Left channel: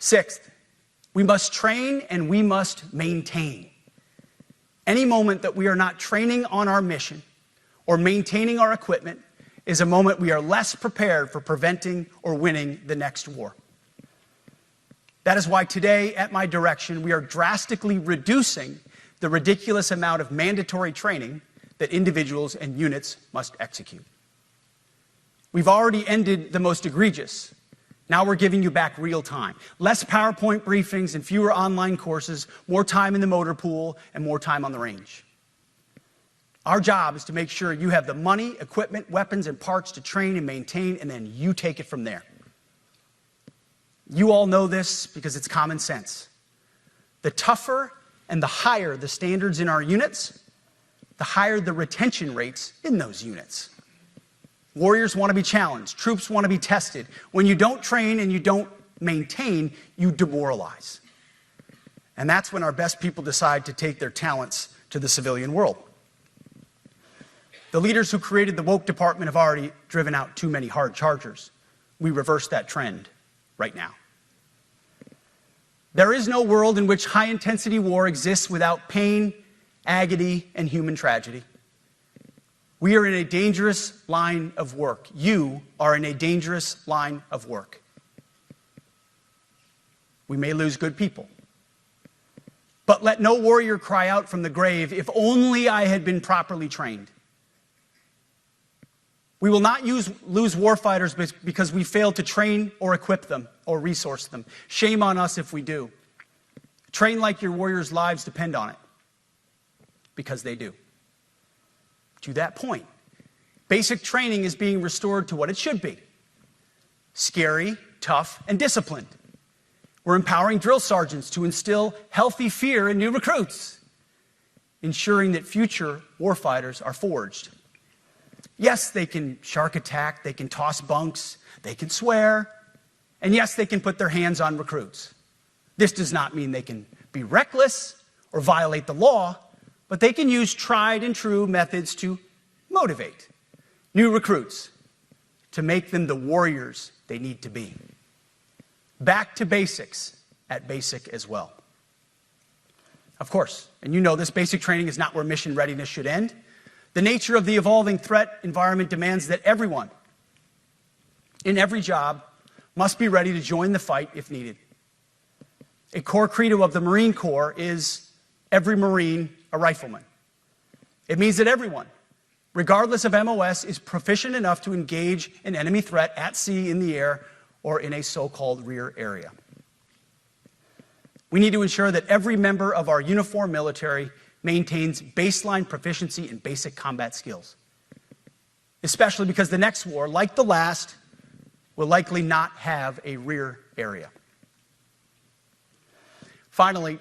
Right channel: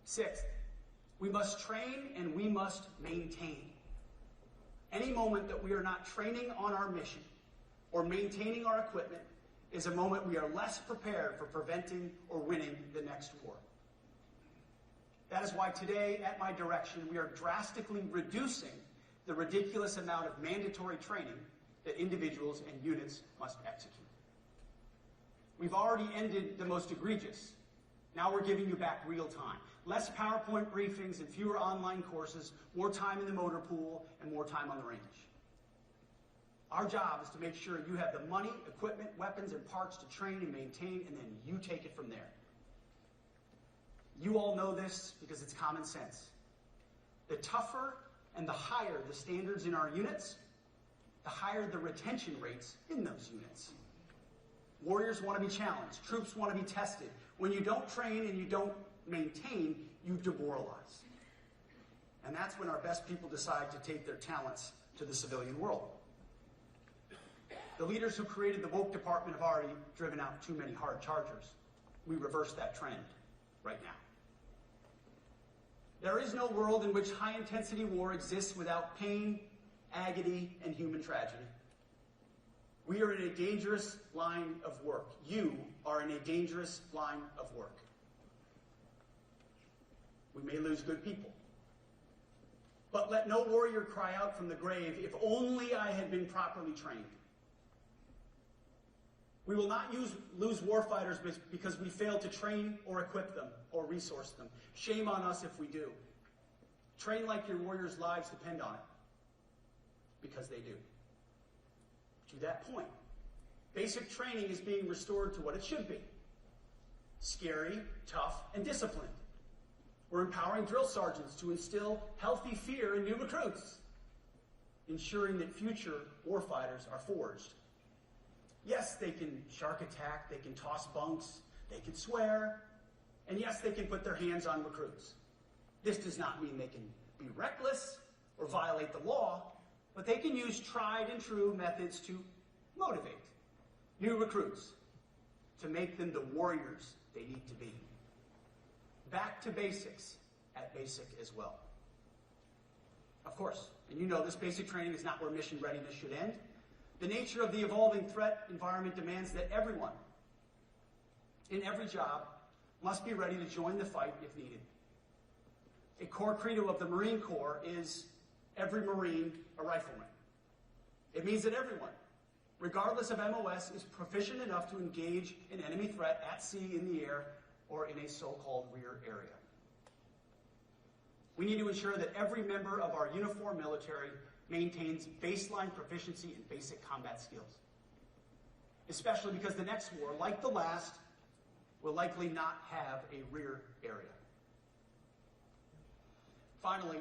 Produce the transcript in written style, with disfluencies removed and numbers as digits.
Sixth, we must train and we must maintain. Any moment that we are not training on our mission or maintaining our equipment is a moment we are less prepared for preventing or winning the next war. That is why today, at my direction, we are drastically reducing the ridiculous amount of mandatory training that individuals and units must execute. We've already ended the most egregious. Now we're giving you back real time. Less PowerPoint briefings and fewer online courses, more time in the motor pool, and more time on the range. Our job is to make sure you have the money, equipment, weapons, and parts to train and maintain, and then you take it from there. You all know this because it's common sense. The tougher and the higher the standards in our units, the higher the retention rates in those units. Warriors want to be challenged. Troops want to be tested. When you don't train and you don't maintain, you demoralize. And that's when our best people decide to take their talents to the civilian world. The leaders who created the woke department have already driven out too many hard chargers. We reverse that trend right now. There is no world in which high-intensity war exists without pain, agony, and human tragedy. We are in a dangerous line of work. You are in a dangerous line of work. We may lose good people. But let no warrior cry out from the grave, "If only I had been properly trained." We will not lose warfighters because we failed to train or equip them or resource them. Shame on us if we do. Train like your warriors' lives depend on it, because they do. To that point, basic training is being restored to what it should be: scary, tough, and disciplined. We're empowering drill sergeants to instill healthy fear in new recruits, ensuring that future warfighters are forged. Yes, they can shark attack, they can toss bunks, they can swear, and yes, they can put their hands on recruits. This does not mean they can be reckless or violate the law, but they can use tried and true methods to motivate new recruits, to make them the warriors they need to be. Back to basics at basic as well. Of course, and you know this, basic training is not where mission readiness should end. The nature of the evolving threat environment demands that everyone, in every job, must be ready to join the fight if needed. A core credo of the Marine Corps is every Marine a rifleman. It means that everyone, regardless of MOS, is proficient enough to engage an enemy threat at sea, in the air, or in a so-called rear area. We need to ensure that every member of our uniformed military maintains baseline proficiency in basic combat skills, especially because the next war, like the last, will likely not have a rear area. Finally,